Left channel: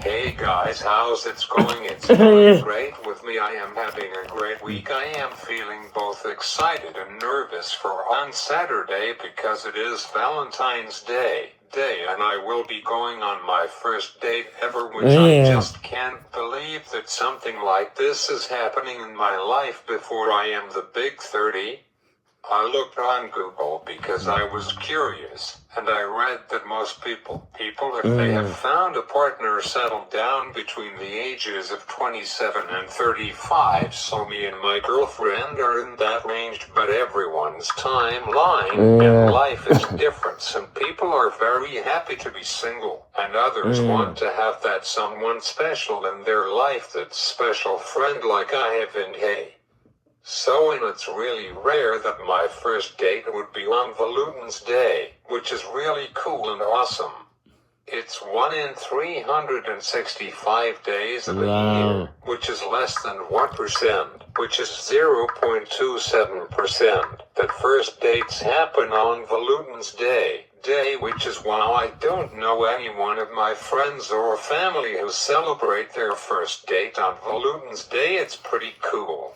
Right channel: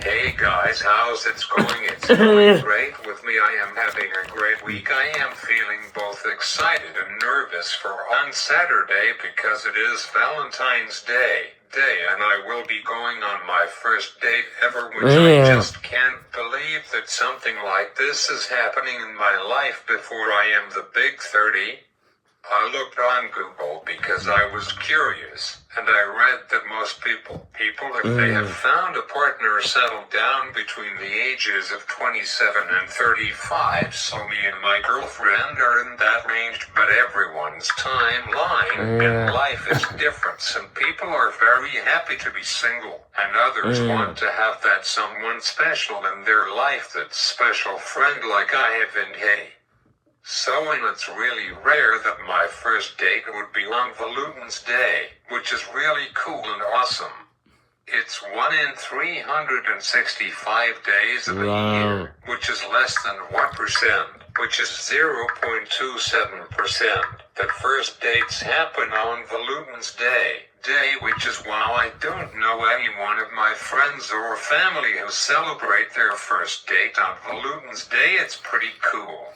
Hey guys, how's it going? It's going great with me. I am having a great week. I am feeling both excited and nervous for on Saturday because it is Valentine's Day, and I will be going on my first date ever, which I just can't believe that something like this is happening in my life before I am the big 30. I looked on Google because I was curious, and I read that most people, if they have found a partner, settle down between the ages of 27 and 35. So me and my girlfriend are in that range, but everyone's timeline in life is different. Some people are very happy to be single, and others want to have that someone special in their life, that special friend like I have. And hey, so it's really rare that my first date would be on Valentine's Day, which is really cool and awesome. It's 1 in 365 days of a year, which is less than 1%, which is 0.27%. The first dates happen on Valentine's Day, which is why I don't know any one of my friends or family who celebrate their first date on Valentine's Day. It's pretty cool.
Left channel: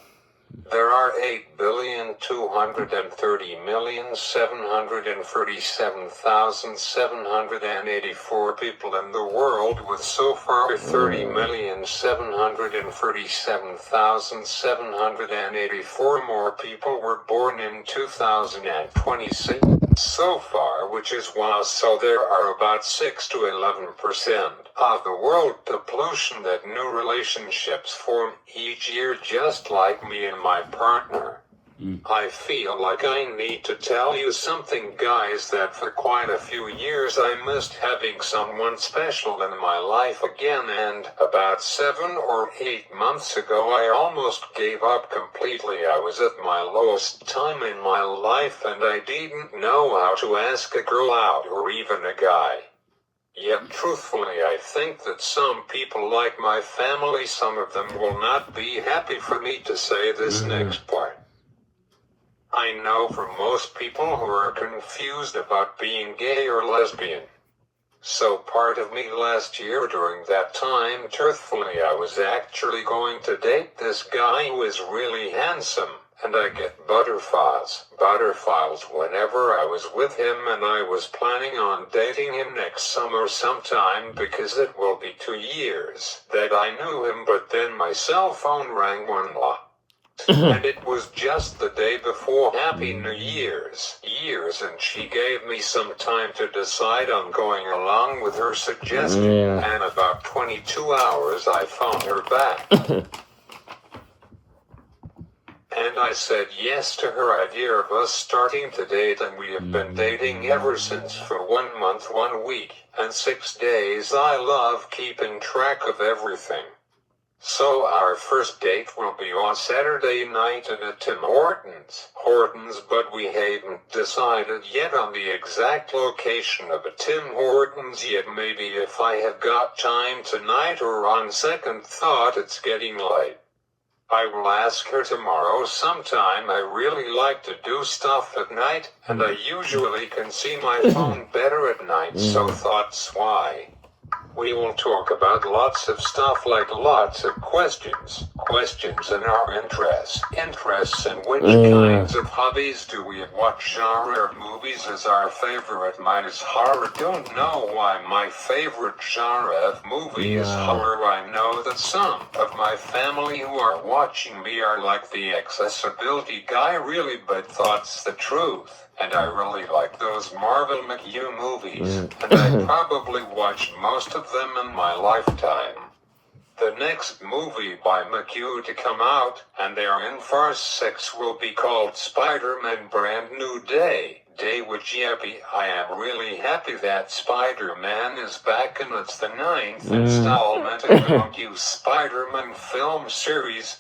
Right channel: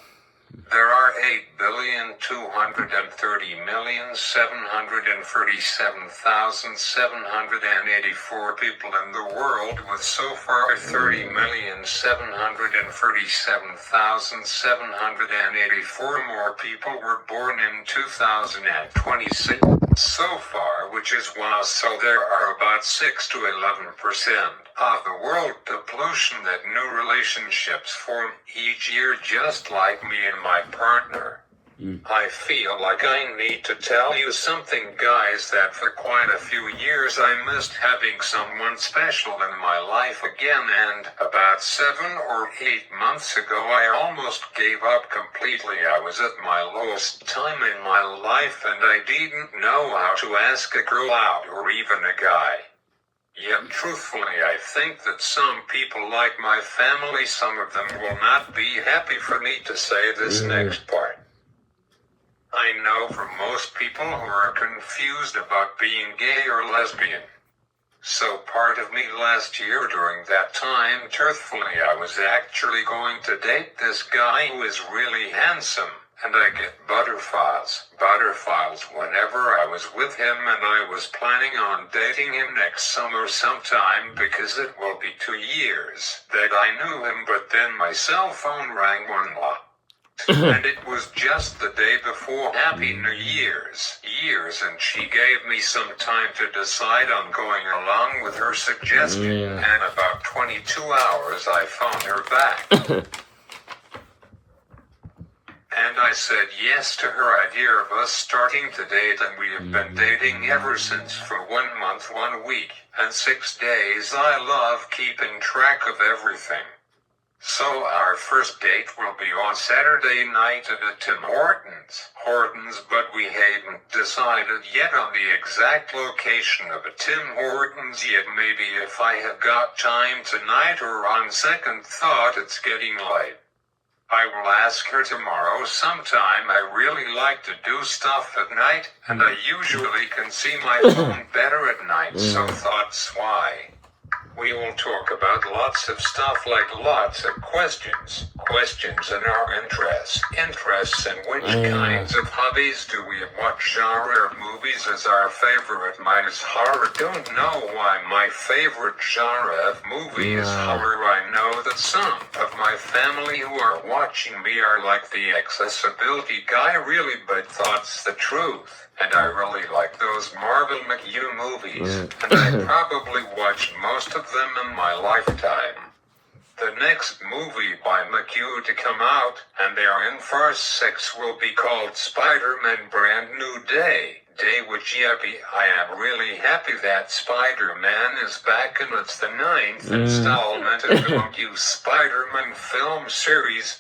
There are 8,230,737,784 people in the world, with so far 30,737,784 more people were born in 2026 so far, which is wow. So there are about 6 to 11% of the world population that new relationships form each year, just like me and my partner. I feel like I need to tell you something, guys, that for quite a few years I missed having someone special in my life again, and about 7 or 8 months ago I almost gave up completely. I was at my lowest time in my life, and I didn't know how to ask a girl out or even a guy. Yet truthfully, I think that some people, like my family, some of them will not be happy for me to say this next part. I know for most people who are confused about being gay or lesbian. So part of me last year during that time, truthfully, I was actually going to date this guy who is really handsome, and I get butterflies whenever I was with him, and I was planning on dating him next summer sometime because it will be 2 years that I knew him. But then my cell phone rang one night. And it was just the day before Happy New Year's, and she gave me some time to decide on going along with her suggestion, and about 22 hours I phoned her back. And I said yes to her idea of us starting to date, and we have been dating ever since for 1 month, 1 week, and 6 days. I love keeping track of everything. So our first date will be on Saturday night at a Tim Hortons, but we haven't decided yet on the exact location of a Tim Hortons yet. Maybe if I have got time tonight, or on second thought it's getting late, I will ask her tomorrow sometime. I really like to do stuff at night, and I usually can see my phone better at night, so that's why. We will talk about lots of stuff, like lots of questions in our interests, and which kinds of hobbies do we have, what genre of movies is our favorite. Mine is horror. Don't know why my favorite genre of movie is horror. I know that some of my family who are watching me are like the accessibility guy, really, but that's the truth. And I really like those Marvel McHugh movies, and I probably watched most of them in my lifetime. The next movie by McHugh to come out, and they are in for 6, will be called Spider-Man Brand New Day, which I am really happy that Spider-Man is back, and it's the 9th installment of the McHugh Spider-Man film series,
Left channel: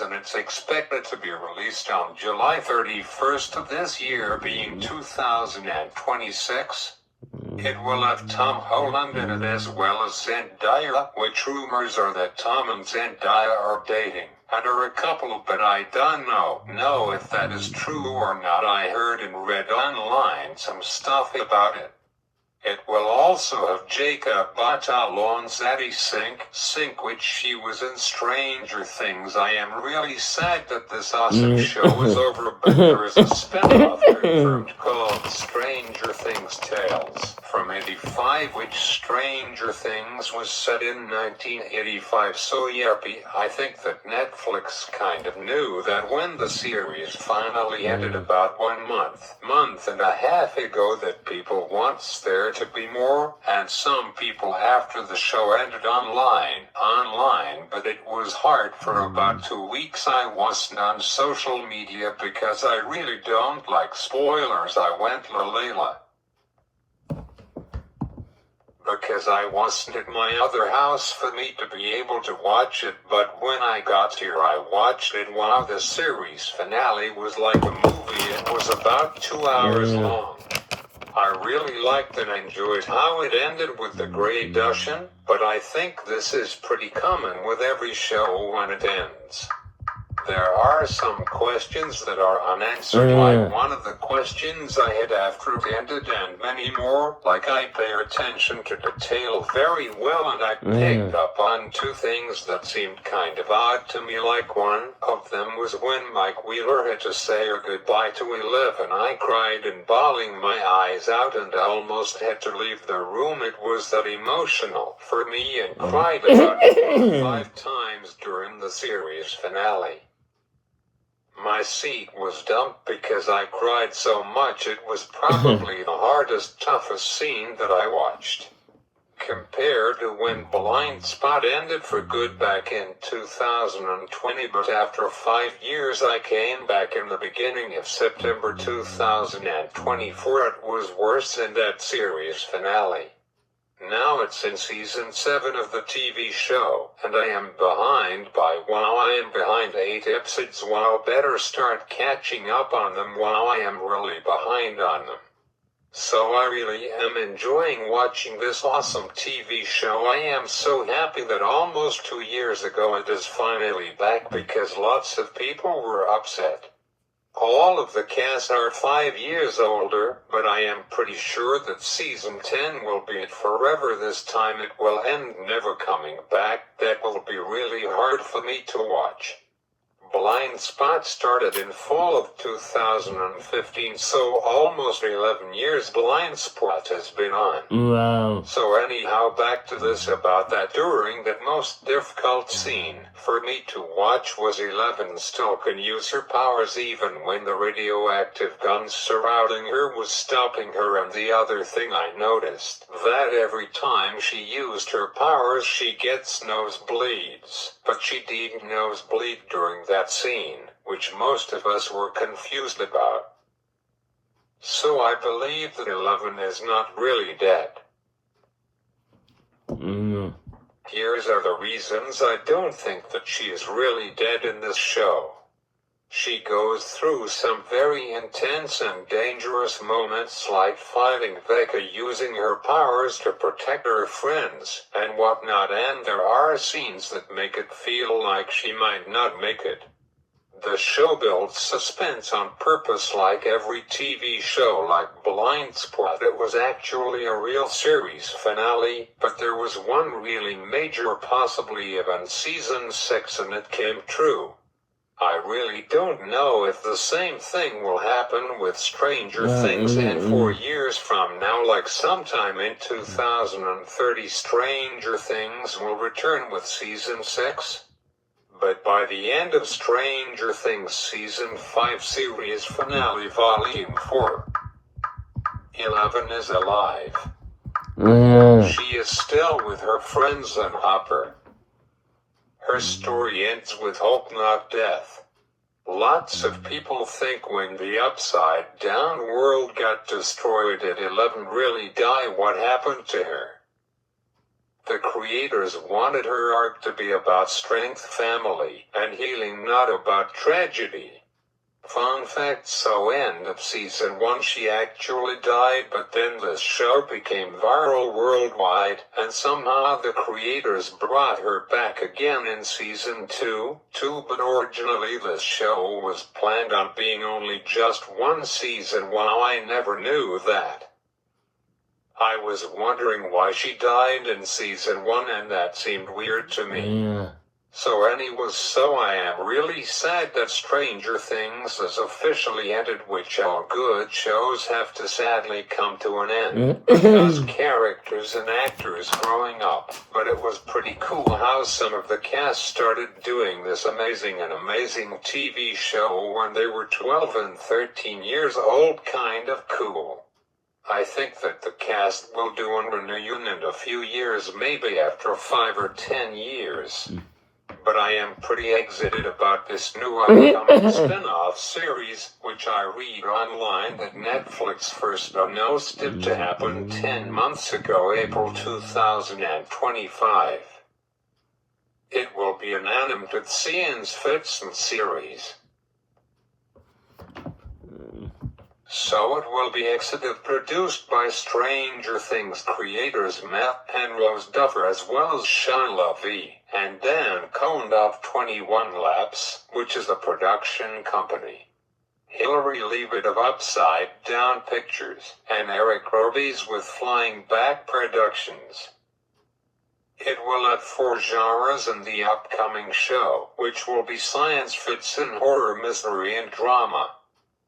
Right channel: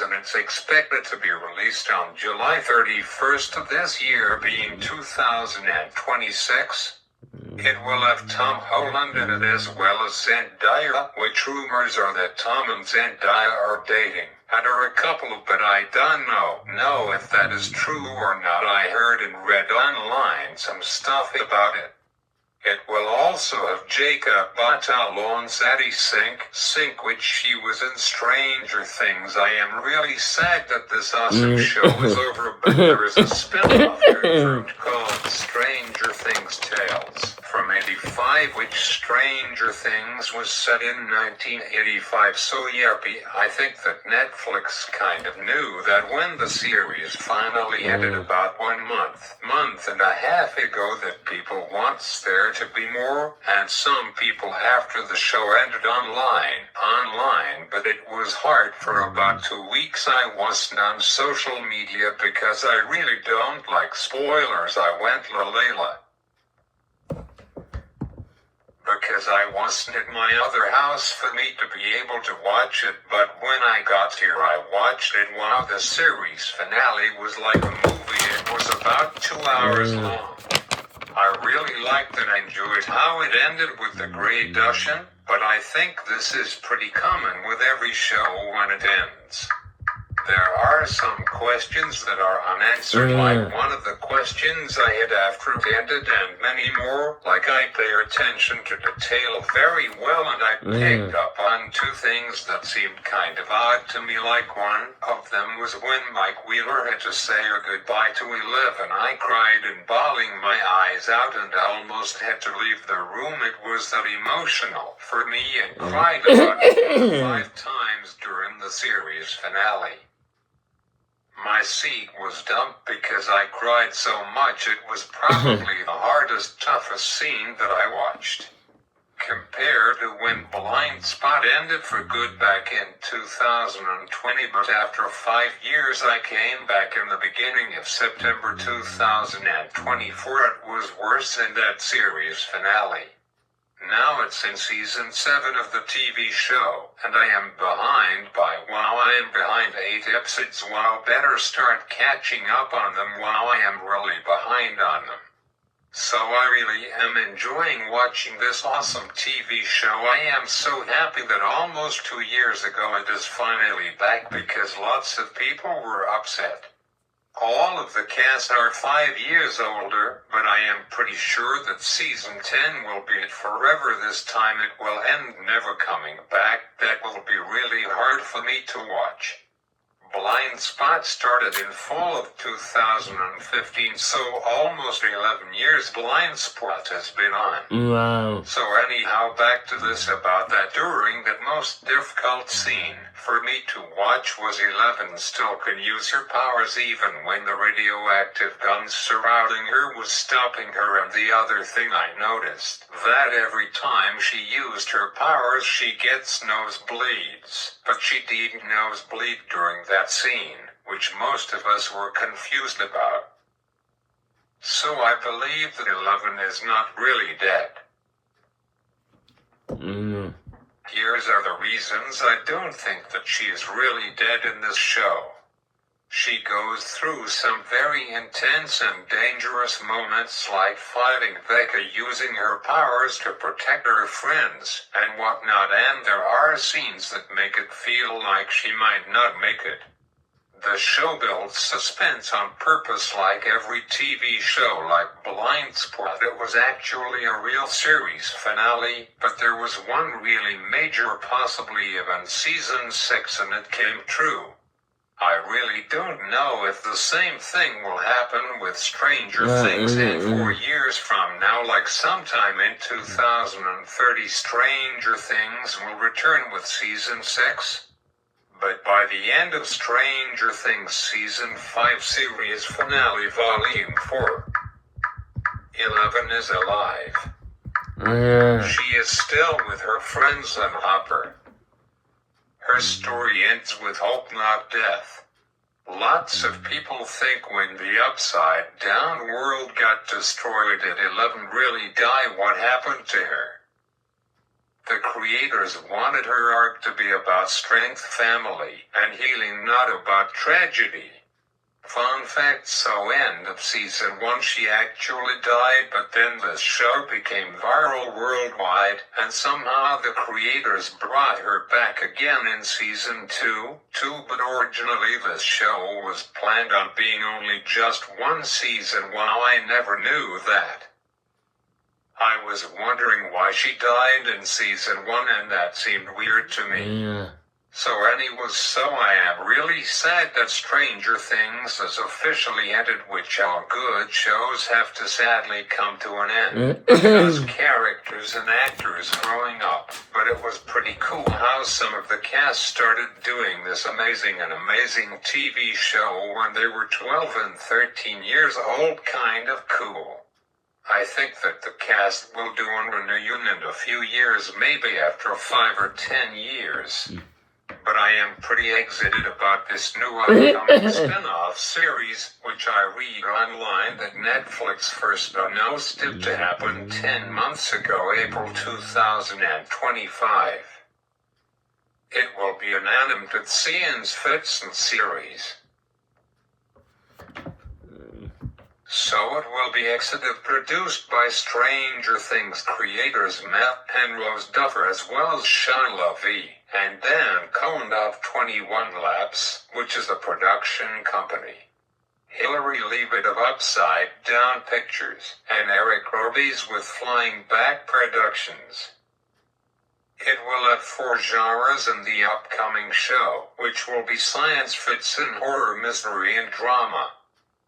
and it's expected to be released on July 31st of this year, being 2026. It will have Tom Holland in it as well as Zendaya, which rumors are that Tom and Zendaya are dating, and are a couple, but I don't know if that is true or not. I heard and read online some stuff about it. It will also have Jacob Batalon's Zaddy Sink, which she was in Stranger Things. I am really sad that this awesome show is over, but there is a spin-off confirmed called Stranger Things Tales from '85, which Stranger Things was set in 1985. So yippee, I think that Netflix kind of knew that when the series finally ended about 1 month and a half ago, that people wants there to be more, and some people after the show ended online, but it was hard for about 2 weeks. I wasn't on social media because I really don't like spoilers. I went Layla because I wasn't at my other house for me to be able to watch it, but when I got here I watched it. Wow, the series finale was like a movie. It was about 2 hours long. I really liked and enjoyed how it ended with the gradation, but I think this is pretty common with every show when it ends. There are some questions that are unanswered, like one of the questions I had after it ended, and many more, like I pay attention to detail very well, and I picked up on 2 things that seemed kind of odd to me. Like one of them was when Mike Wheeler had to say a goodbye to 11. I cried and bawling my eyes out and almost had to leave the room. It was that emotional for me, and cried about 5 times during the series finale. My seat was dumped because I cried so much. It was probably the hardest, toughest scene that I watched. Compared to when Blind Spot ended for good back in 2020, but after 5 years I came back in the beginning of September 2024. It was worse than that series finale. Now it's in season 7 of the TV show, and I am behind by 8 episodes. Wow, better start catching up on them. Wow, I am really behind on them. So I really am enjoying watching this awesome TV show. I am so happy that almost 2 years ago it is finally back, because lots of people were upset. All of the cast are 5 years older, but I am pretty sure that season 10 will be it forever. This time it will end never coming back. That will be really hard for me to watch. Blind Spot started in fall of 2015, so almost 11 years Blind Spot has been on. Wow. So anyhow, back to this about that. During that most difficult scene for me to watch was 11 still can use her powers even when the radioactive gun surrounding her was stopping her. And the other thing I noticed, that every time she used her powers she gets nosebleeds. But she didn't nosebleed during that scene, which most of us were confused about. So I believe that 11 is not really dead. Here's are the reasons I don't think that she is really dead in this show. She goes through some very intense and dangerous moments, like fighting Vega using her powers to protect her friends and whatnot, and there are scenes that make it feel like she might not make it. The show builds suspense on purpose, like every TV show. Like Blind Spot, it was actually a real series finale, but there was one really major, possibly even season 6, and it came true. I really don't know if the same thing will happen with Stranger Things, and 4 years from now, like sometime in 2030, Stranger Things will return with season 6. But by the end of Stranger Things season 5 series finale volume 4, 11 is alive. She is still with her friends and Hopper. Her story ends with hope, not death. Lots of people think when the Upside Down world got destroyed, did 11 really die? What happened to her? The creators wanted her arc to be about strength, family, and healing, not about tragedy. Fun fact, so end of season 1 she actually died, but then this show became viral worldwide, and somehow the creators brought her back again in season 2, but originally this show was planned on being only just 1 season. Wow, I never knew that. I was wondering why she died in season 1 and that seemed weird to me. Yeah. So I am really sad that Stranger Things has officially ended, which all good shows have to sadly come to an end. Because characters and actors growing up. But it was pretty cool how some of the cast started doing this amazing TV show when they were 12 and 13 years old. Kind of cool. I think that the cast will do a reunion in a few years, maybe after 5 or 10 years. But I am pretty excited about this new upcoming spin-off series, which I read online that Netflix first announced it to happen 10 months ago, April 2025. It will be an animated science fiction series. So it will be executive produced by Stranger Things creators Matt and Rose Duffer, as well as Sean Levy and Dan Cohen of 21 Labs, which is a production company. Hilary Leavitt of Upside Down Pictures, and Eric Robies with Flying Back Productions. It will have 4 genres in the upcoming show, which will be science fiction, horror, mystery, and drama.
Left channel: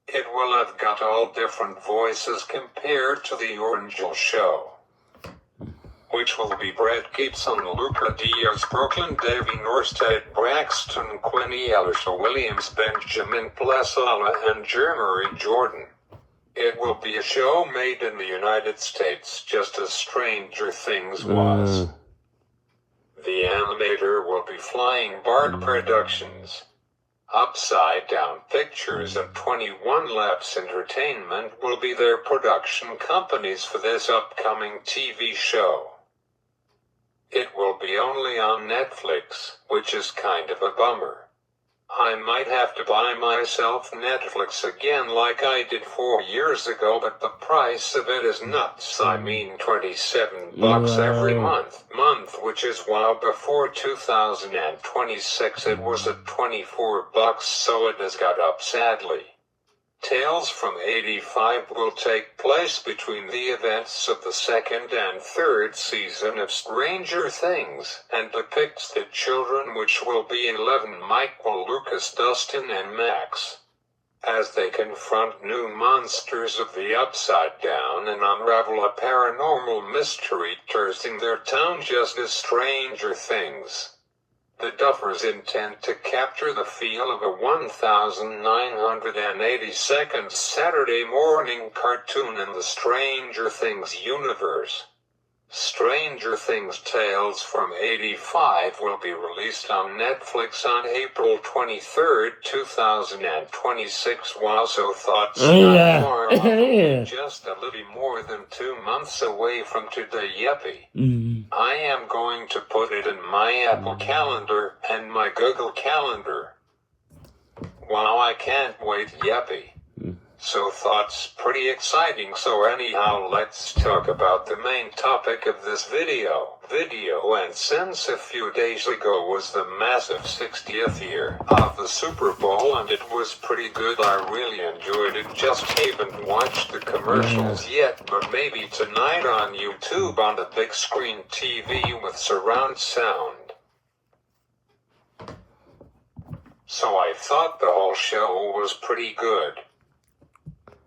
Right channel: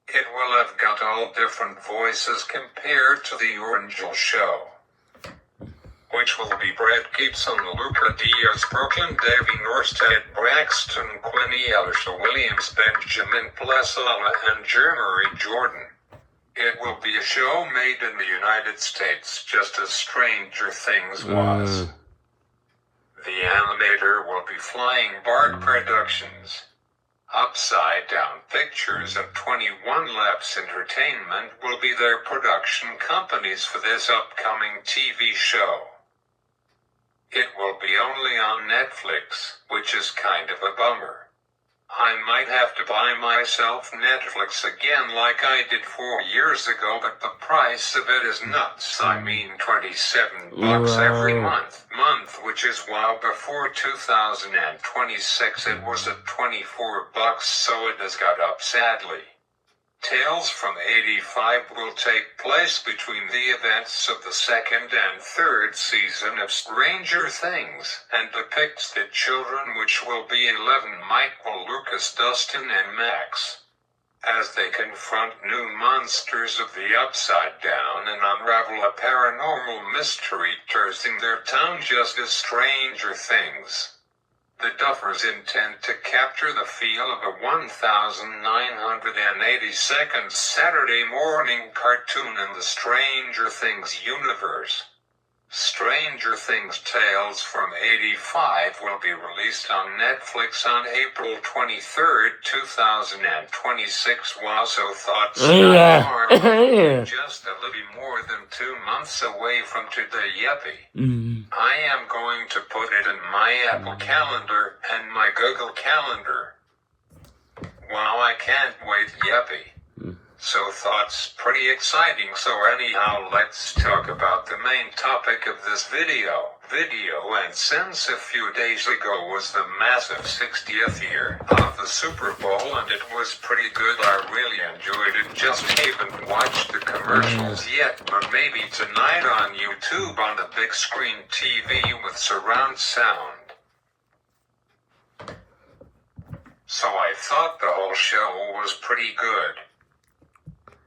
It will have got all different voices compared to the original show, which will be Brad Gibson, Luca Diaz, Brooklyn, Davy Norstead, Braxton, Quinny, Alicia Williams, Benjamin Plessala, and Jeremy Jordan. It will be a show made in the United States, just as Stranger Things was. The animator will be Flying Bark Productions. Upside Down Pictures and 21 Labs Entertainment will be their production companies for this upcoming TV show. It will be only on Netflix, which is kind of a bummer. I might have to buy myself Netflix again like I did 4 years ago, but the price of it is nuts. I mean $27 every month, which is while before 2026 it was at $24, so it has got up sadly. Tales from 85 will take place between the events of the 2nd and 3rd season of Stranger Things, and depicts the children, which will be 11, Michael, Lucas, Dustin, and Max, as they confront new monsters of the Upside Down and unravel a paranormal mystery touching their town, just as Stranger Things. The Duffers intend to capture the feel of a 1,980-second Saturday morning cartoon in the Stranger Things universe. Stranger Things Tales from 85 will be released on Netflix on April 23, 2026. Wow, so thoughts are just a little more than 2 months away from today. Yippee. I am going to put it in my Apple Calendar and my Google Calendar. Wow, I can't wait. Yippee. So thoughts pretty exciting. So anyhow, let's talk about the main topic of this video. And since a few days ago was the massive 60th year of the Super Bowl, and it was pretty good. I really enjoyed it. Just haven't watched the commercials yet, but maybe tonight on YouTube on the big screen TV with surround sound. So I thought the whole show was pretty good.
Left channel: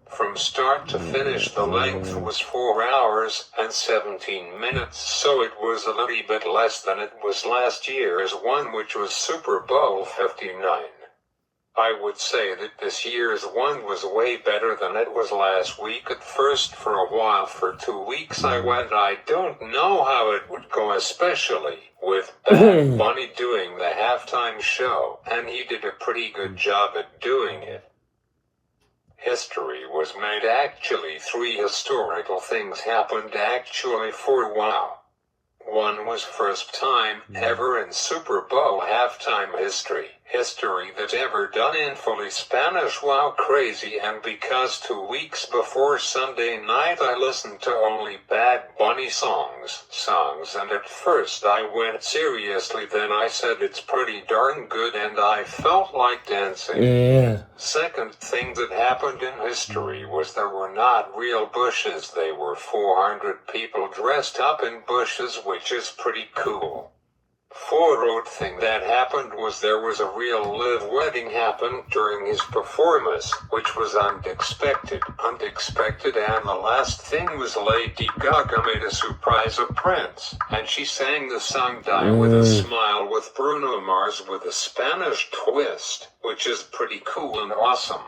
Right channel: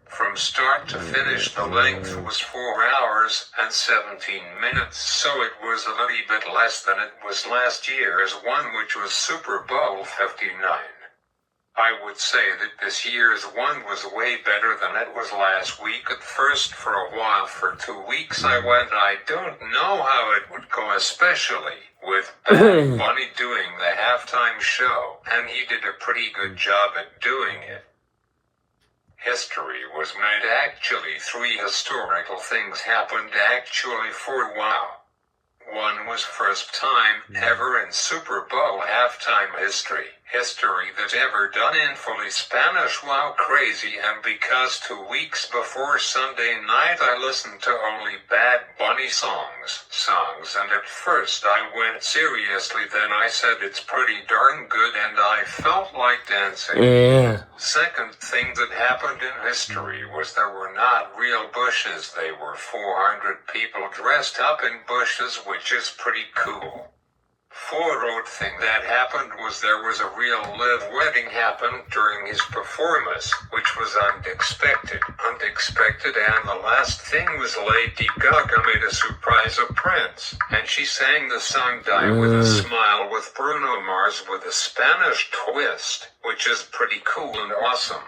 From start to finish, the length was 4 hours and 17 minutes, so it was a little bit less than it was last year's one, which was Super Bowl 59. I would say that this year's one was way better than it was last week. At first, for a while, for 2 weeks, I don't know how it would go, especially with Bad Bunny doing the halftime show, and he did a pretty good job at doing it. History was made. Actually, 3 historical things happened for a while. One was first time ever in Super Bowl halftime history. history that's ever done in fully Spanish. Wow, crazy. And because 2 weeks before Sunday night I listened to only Bad Bunny songs, and at first I went seriously, then I said it's pretty darn good and I felt like dancing. Yeah. Second thing that happened in history was there were not real bushes, they were 400 people dressed up in bushes, which is pretty cool. Fourth thing that happened was there was a real live wedding happened during his performance, which was unexpected, and the last thing was Lady Gaga made a surprise appearance, and she sang the song Die With a Smile with Bruno Mars with a Spanish twist, which is pretty cool and awesome.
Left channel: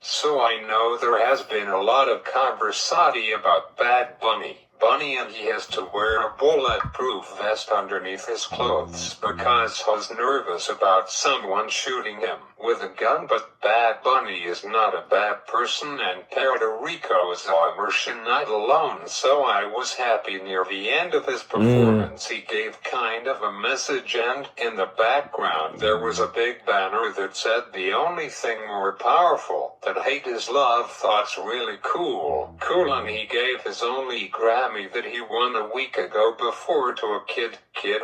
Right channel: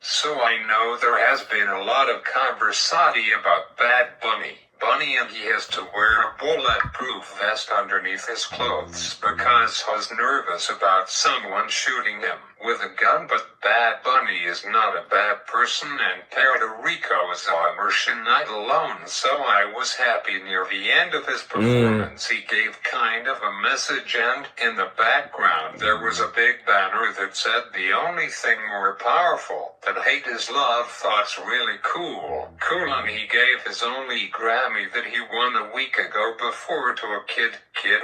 So I know there has been a lot of conversation about Bad Bunny, and he has to wear a bulletproof vest underneath his clothes because he's nervous about someone shooting him with a gun. But Bad Bunny is not a bad person, and Puerto Rico is a immersion night alone, so I was happy. Near the end of his performance he gave kind of a message, and in the background there was a big banner that said the only thing more powerful than hate is love. Thoughts really cool, and he gave his only Grammy that he won a week ago before to a kid,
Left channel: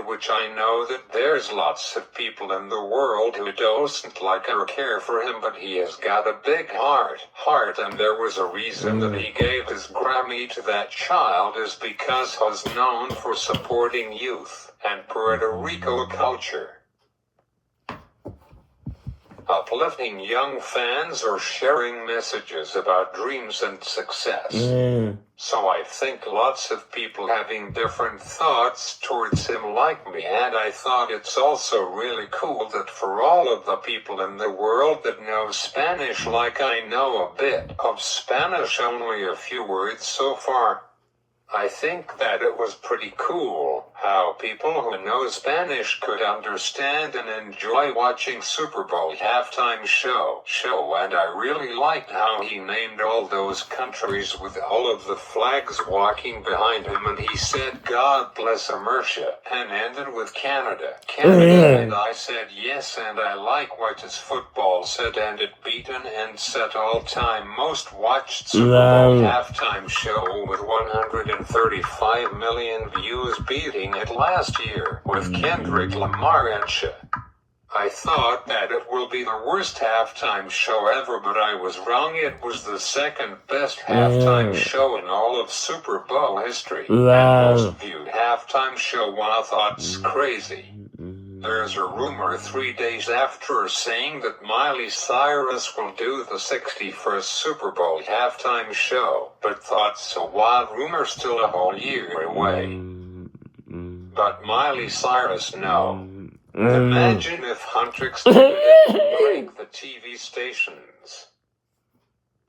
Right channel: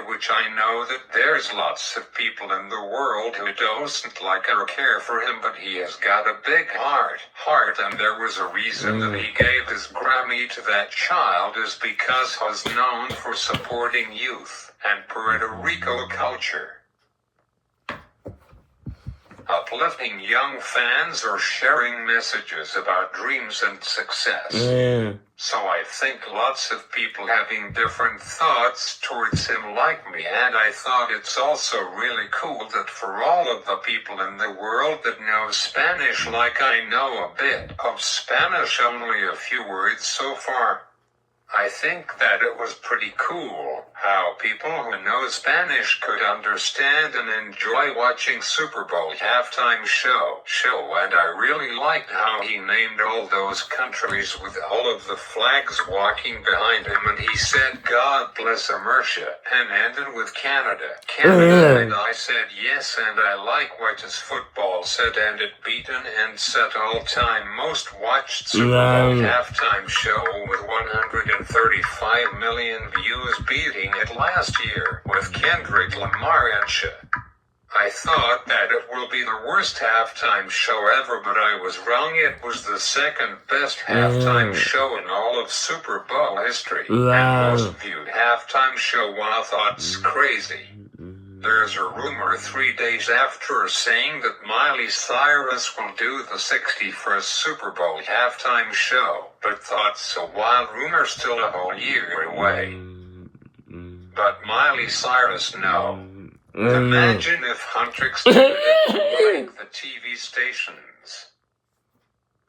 which I know that there's lots of people in the world who don't like or care for him, but he has got a big heart, and there was a reason that he gave his Grammy to that child, is because he's known for supporting youth and Puerto Rico culture, uplifting young fans or sharing messages about dreams and success. So I think lots of people having different thoughts towards him like me, and I thought it's also really cool that for all of the people in the world that know Spanish like I know a bit of Spanish, only a few words so far, I think that it was pretty cool how people who know Spanish could understand and enjoy watching Super Bowl halftime show, and I really liked how he named all those countries with all of the flags walking behind him, and he said God bless America, and ended with Canada, and I said yes, and I like what his football said, and it beaten and set all-time most watched Super Bowl halftime show with 135 million views, beating it last year with Kendrick Lamar and shit. I thought that it will be the worst halftime show ever, but I was wrong. It was the second best halftime show in all of Super Bowl history. And most viewed halftime show. Wow, thoughts crazy. There's a rumor 3 days after saying that Miley Cyrus will do the 61st Super Bowl halftime show, but thoughts a wild rumor, still a whole year away. But Miley Cyrus, no. Imagine if Huntrix did the TV stations.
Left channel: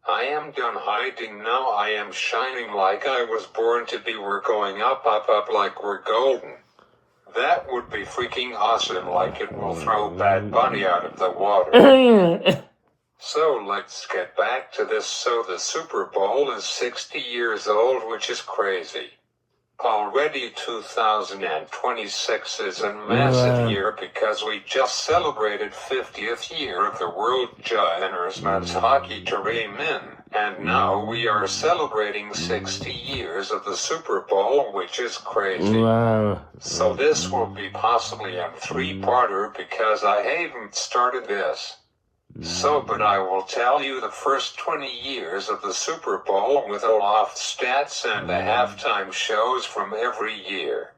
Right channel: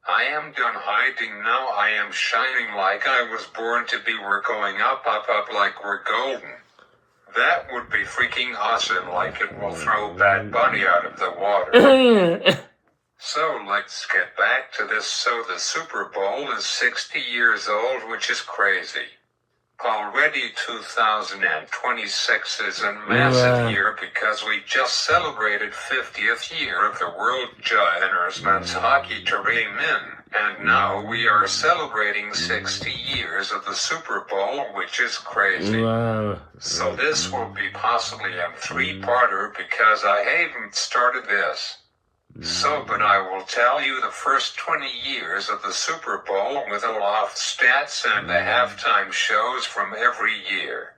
I am done hiding now. I am shining like I was born to be. We're going up like we're golden. That would be freaking awesome, like it will throw Bad Bunny out of the water. So let's get back to this. So the Super Bowl is 60 years old, which is crazy. Already 2026 is a massive year because we just celebrated 50th year of the World Juniors Men's Hockey Tournament, and now we are celebrating 60 years of the Super Bowl, which is crazy. So this will be possibly a 3-parter because I haven't started this. But I will tell you the first 20 years of the Super Bowl with all off stats and the halftime shows from every year.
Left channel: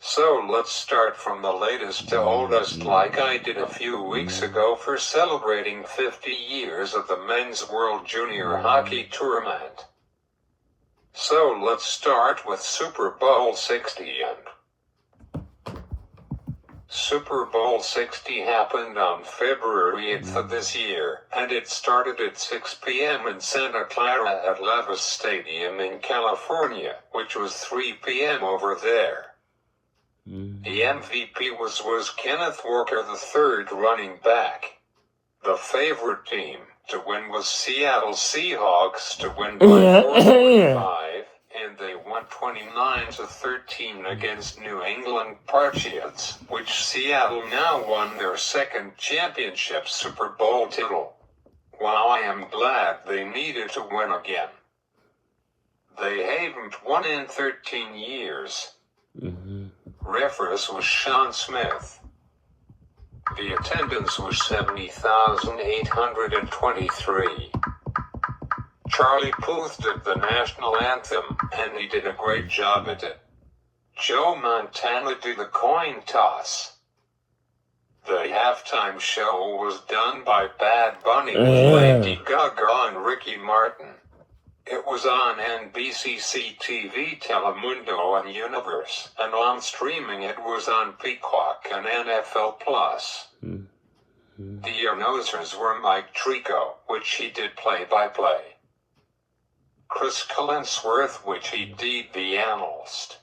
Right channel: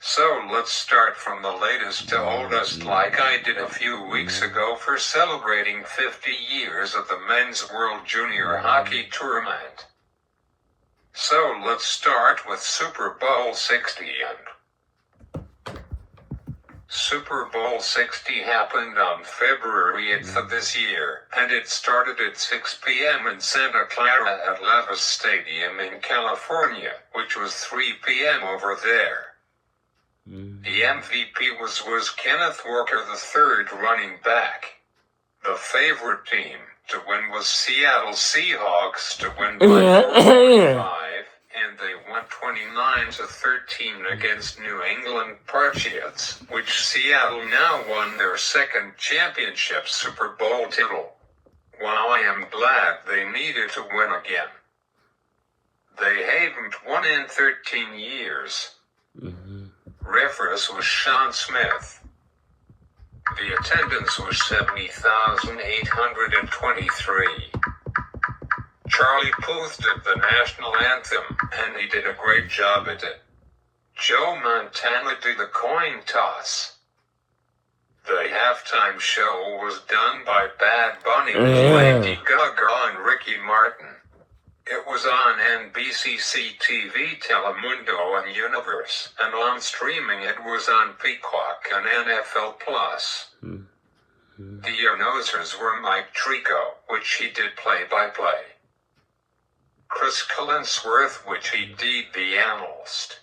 So let's start from the latest to oldest, like I did a few weeks ago for celebrating 50 years of the Men's World Junior Hockey Tournament. So let's start with Super Bowl 60. Super Bowl 60 happened on February 8th of this year, and it started at 6 p.m. in Santa Clara at Levis Stadium in California, which was 3 p.m. over there. The MVP was Kenneth Walker III, running back. The favorite team to win was Seattle Seahawks to win by 4-5, and and they won 29-13 against New England Patriots, which Seattle now won their second championship Super Bowl title. While I am glad they needed to win again. They haven't won in 13 years. Referee was Sean Smith. The attendance was 70,823. Charlie Puth did the national anthem, and he did a great job at it. Joe Montana did the coin toss. The halftime show was done by Bad Bunny, Lady Gaga, and Ricky Martin. It was on NBC TV, Telemundo, and Universe, and on streaming it was on Peacock and NFL Plus. The announcers were Mike Tirico, which he did play-by-play. Chris Collinsworth, which he did the analyst.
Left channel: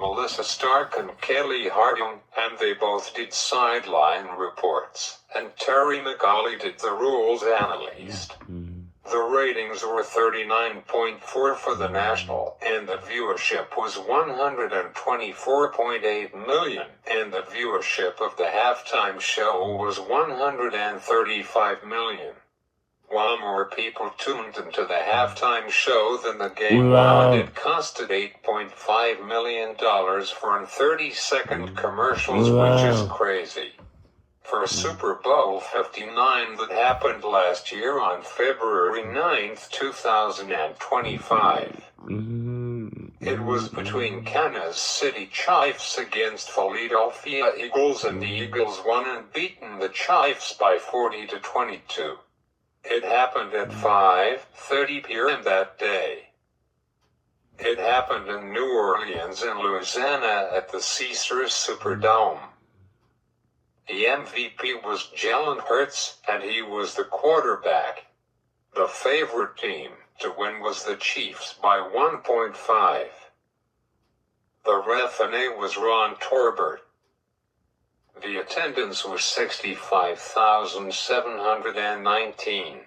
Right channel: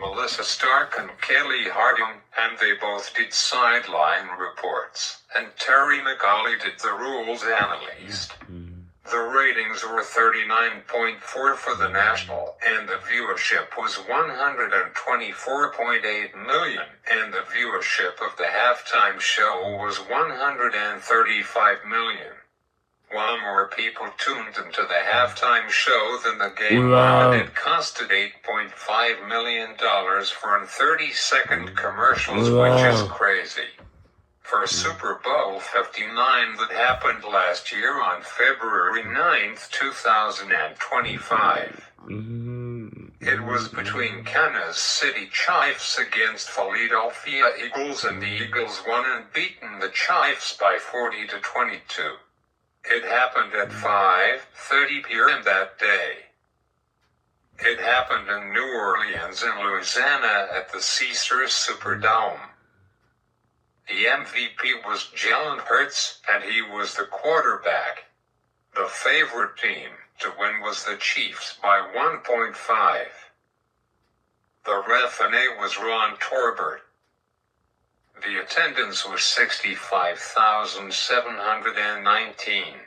Melissa Stark and Kelly Harding, and they both did sideline reports, and Terry McAuley did the rules analyst. The ratings were 39.4 for the national, and the viewership was 124.8 million, and the viewership of the halftime show was 135 million. While more people tuned into the halftime show than the game, it costed $8.5 million for 30-second commercials, which is crazy. For Super Bowl 59 that happened last year on February 9th, 2025. It was between Kansas City Chiefs against Philadelphia Eagles, and the Eagles won and beaten the Chiefs by 40-22. It happened at 5:30 p.m. that day. It happened in New Orleans and Louisiana at the Caesars Superdome. The MVP was Jalen Hurts, and he was the quarterback. The favorite team to win was the Chiefs by 1.5. The referee was Ron Torbert. The attendance was 65,719.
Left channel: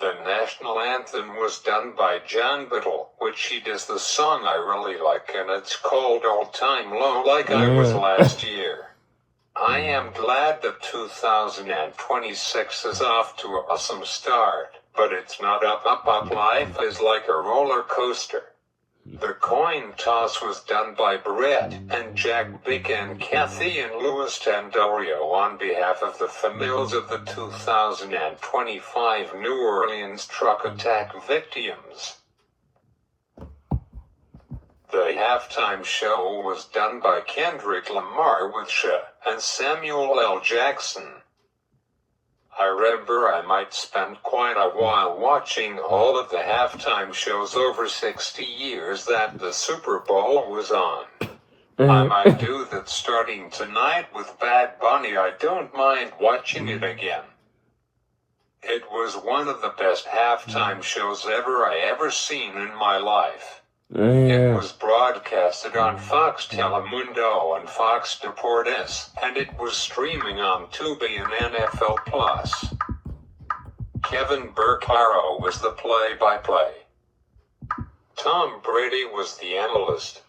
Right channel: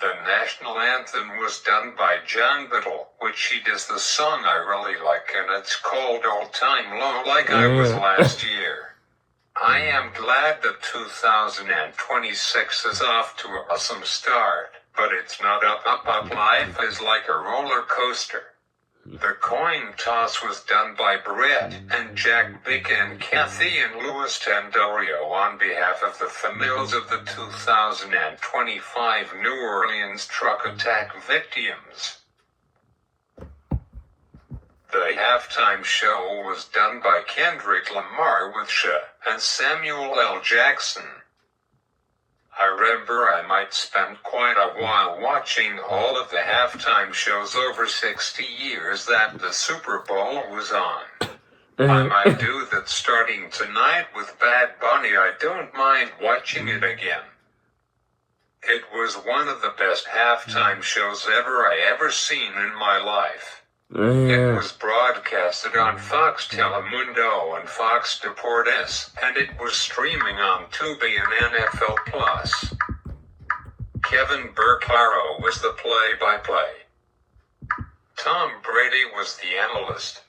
The national anthem was done by John Biddle, which he does the song I really like, and it's called All Time Low, like I was last year. I am glad that 2026 is off to an awesome start, but it's not up. Life is like a roller coaster. The coin toss was done by Brett and Jack Bick and Kathy and Louis Tandorio on behalf of the families of the 2025 New Orleans truck attack victims. The halftime show was done by Kendrick Lamar with Sha and Samuel L. Jackson. I remember I might spend quite a while watching all of the halftime shows over 60 years that the Super Bowl was on. I might do that starting tonight with Bad Bunny. I don't mind watching it again. It was one of the best halftime shows I ever seen in my life. It was broadcasted on Fox Telemundo and Fox Deportes, and it was streaming on Tubi and NFL Plus. Kevin Burkhardt was the play-by-play. Tom Brady was the analyst.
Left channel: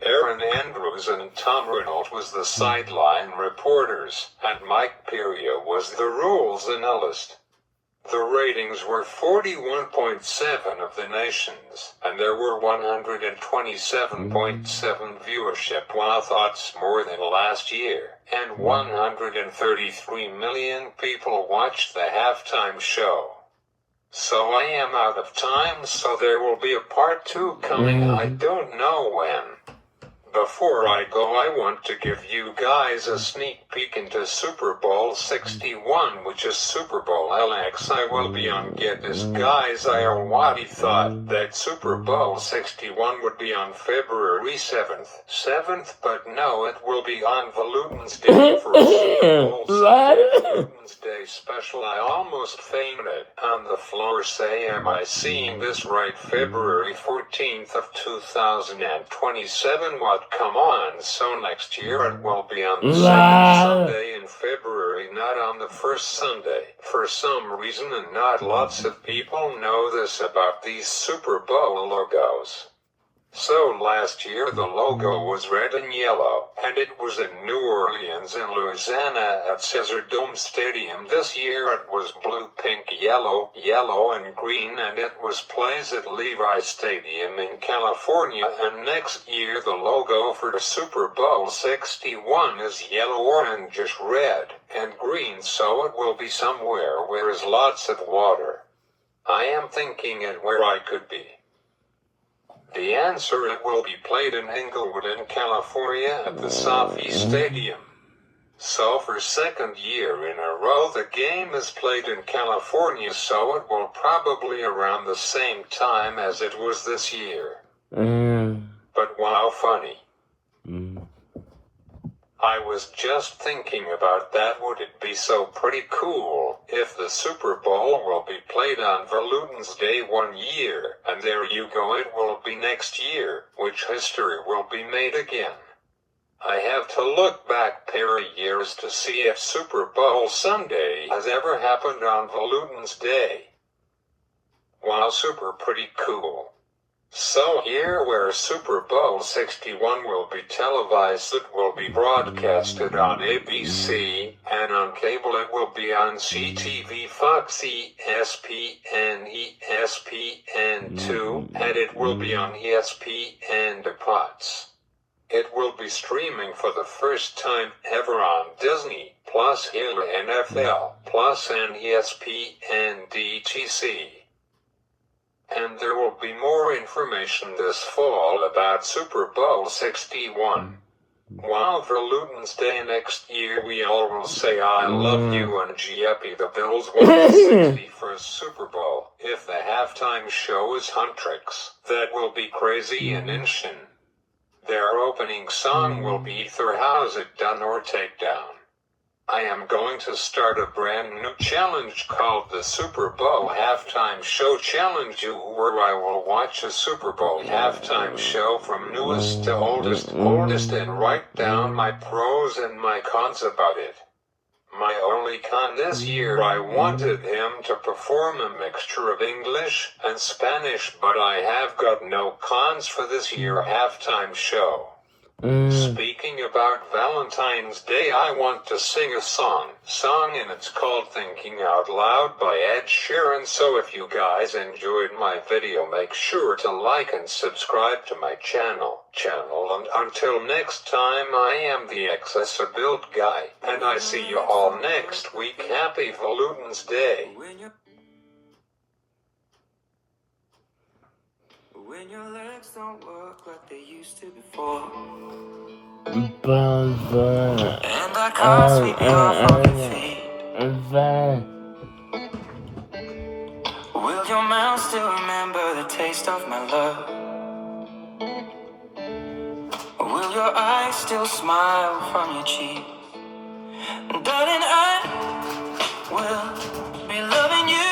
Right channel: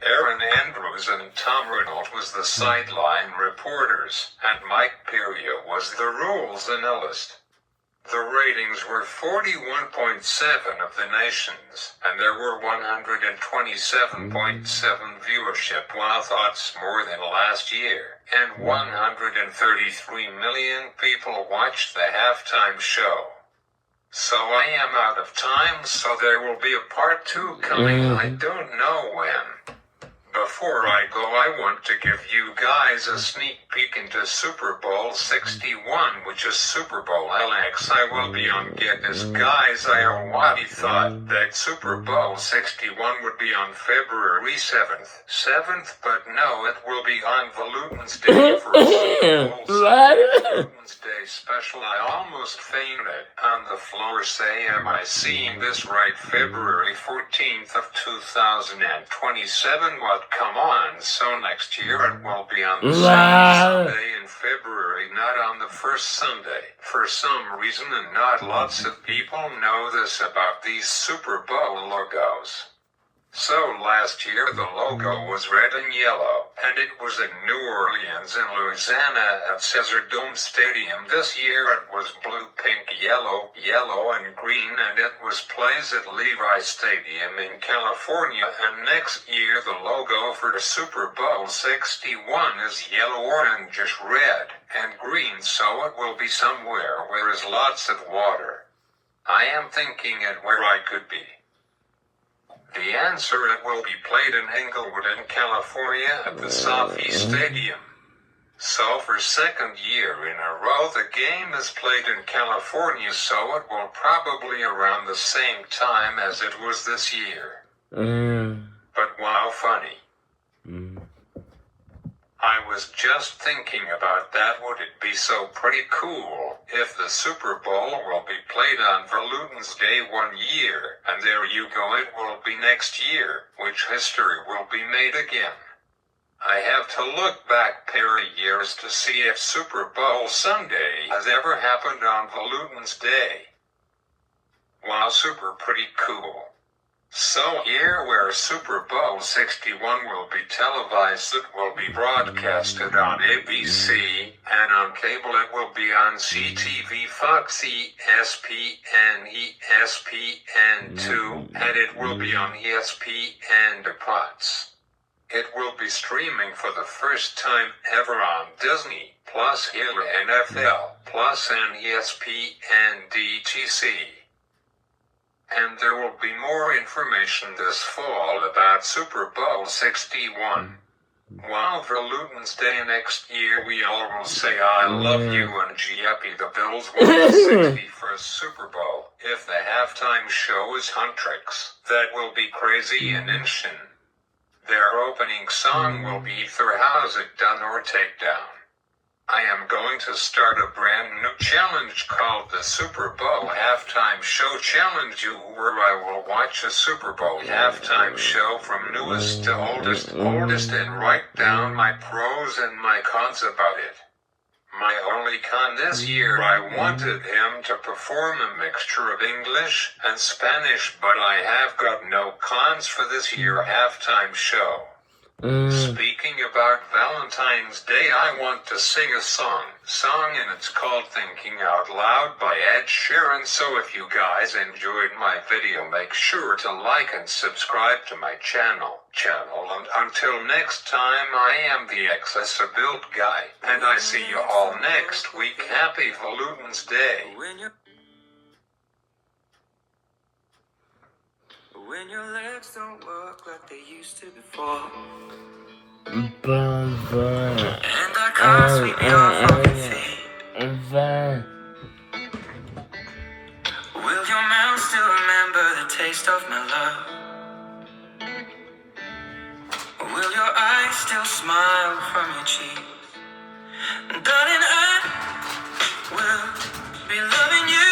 Aaron Andrews and Tom Reynolds was the sideline reporters, and Mike Peria was the rules analyst. The ratings were 41.7 of the nation's, and there were 127.7 viewership, while thoughts more than last year, and 133 million people watched the halftime show. So I am out of time, so there will be a part 2 coming, I don't know when. Before I go, I want to give you guys a sneak peek into Super Bowl 61, which is Super Bowl LX. I will be on Get This. Guys, I already thought that Super Bowl 61 would be on February 7th, but no, it will be on Valentine's Day for a Super Bowl Valentine's Day special. I almost fainted on the floor. Say, am I seeing this right? February 14th of 2027. What? Come on, so next year it will be on the second Sunday in February, not on the first Sunday. For some reason, and not lots of people know this about these Super Bowl logos. So last year the logo was red and yellow, and it was in New Orleans and Louisiana at Caesar Dome Stadium. This year it was blue, pink, yellow, and green, and it was plays at Levi Stadium in California. And next year the logo for the Super Bowl 61 is yellow, orange, red, and green, so it will be somewhere where is lots of water. I am thinking it where I could be. The answer: it will be played in Inglewood in California at the SoFi Stadium. So for second year in a row the game is played in California, so it will probably around the same time as it was this year. But wow, funny. I was just thinking about that. Would it be so pretty cool if the Super Bowl will be played on Valentine's Day one year, and there you go, it will be next year, which history will be made again. I have to look back pair of years to see if Super Bowl Sunday has ever happened on Valentine's Day. Wow, super pretty cool. So here where Super Bowl 61 will be televised, it will be broadcasted on ABC, and on cable it will be on CTV, Fox, ESPN, ESPN2, and it will be on ESPN Depots. It will be streaming for the first time ever on Disney, plus NFL, plus and ESPN DTC. And there will be more information this fall about Super Bowl 61. While for Valentine's Day next year we all will say I love you and Happy the Bills won the 61st Super Bowl. If the halftime show is Huntrix, that will be crazy and insane. Their opening song will be either How's It Done or Take Down. I am going to start a brand new challenge called the Super Bowl Halftime Show Challenge, where I will watch a Super Bowl halftime show from newest to oldest, and write down my pros and my cons about it. My only con this year, I wanted him to perform a mixture of English and Spanish, but I have got no cons for this year halftime show. Speaking about Valentine's Day, I want to sing a song, and it's called Thinking Out Loud by Ed Sheeran. So if you guys enjoyed my video, make sure to like and subscribe to my channel. And until next time, I am the Accessibility Guy, and I see you all next week. Happy Valentine's Day. When your legs don't work like they used to before, and I can't sweep you off of your feet, will your mouth still remember the taste of my love? Will your eyes still smile from your cheeks? Darling, I will be loving you.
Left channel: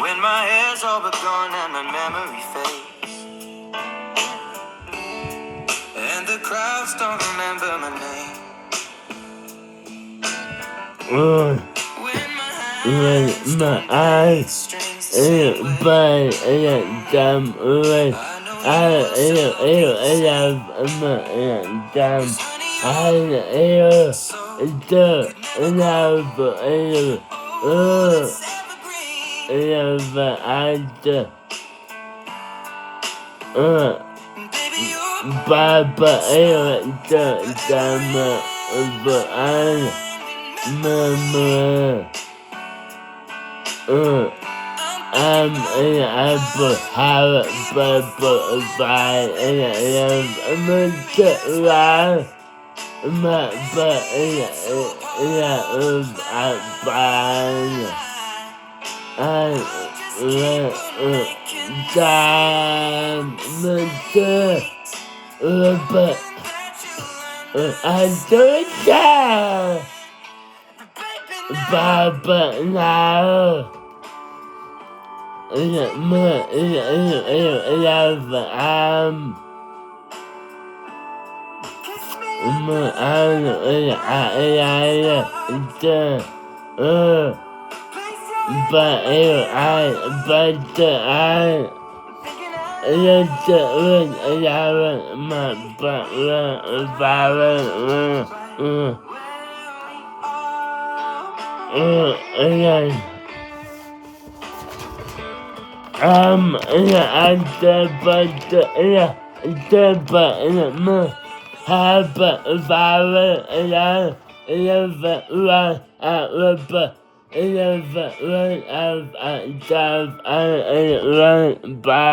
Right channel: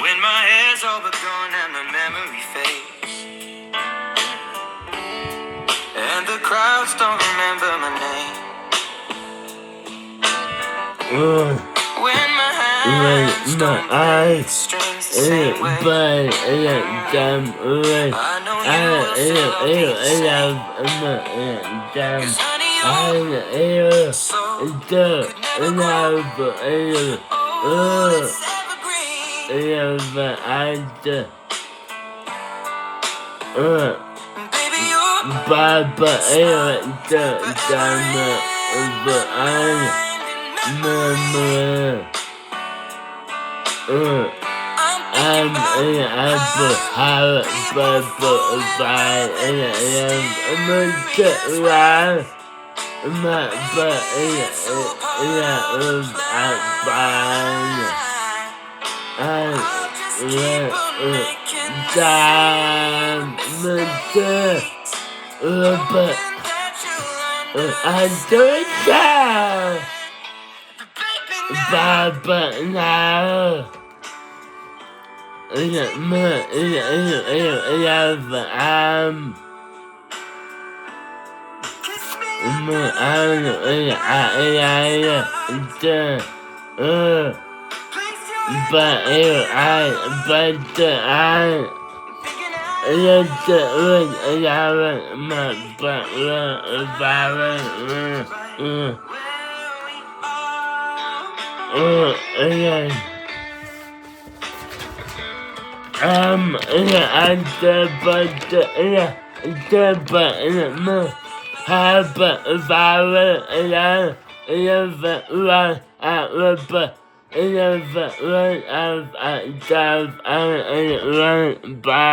When my hair's all but gone and my memory fades, and the crowds don't remember my name, when my eyes strings but jam with I'm in apple, have purple, by my butt I do that, but now. Bye.